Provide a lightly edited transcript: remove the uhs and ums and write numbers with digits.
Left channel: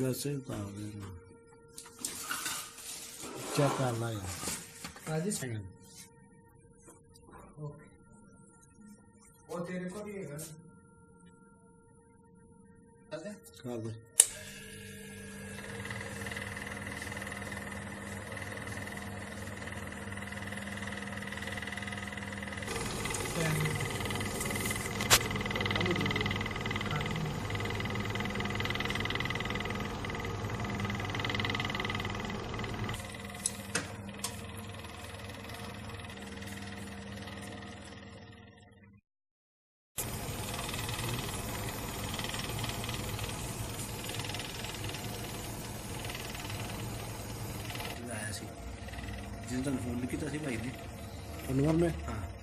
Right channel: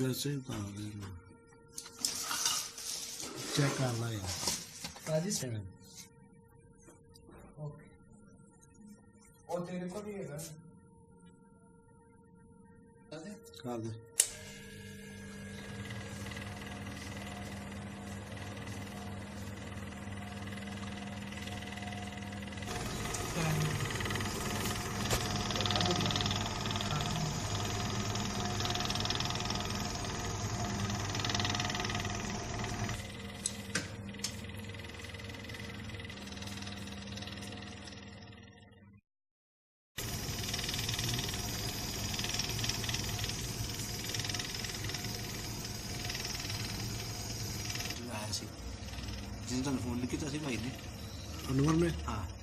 वैसे ही पा दे रहा चेक कर ला यार आज ही सेकंड और तेरे को भी है हाँ दे जिस दिन फोन किया था भाई ने अनुमान में हाँ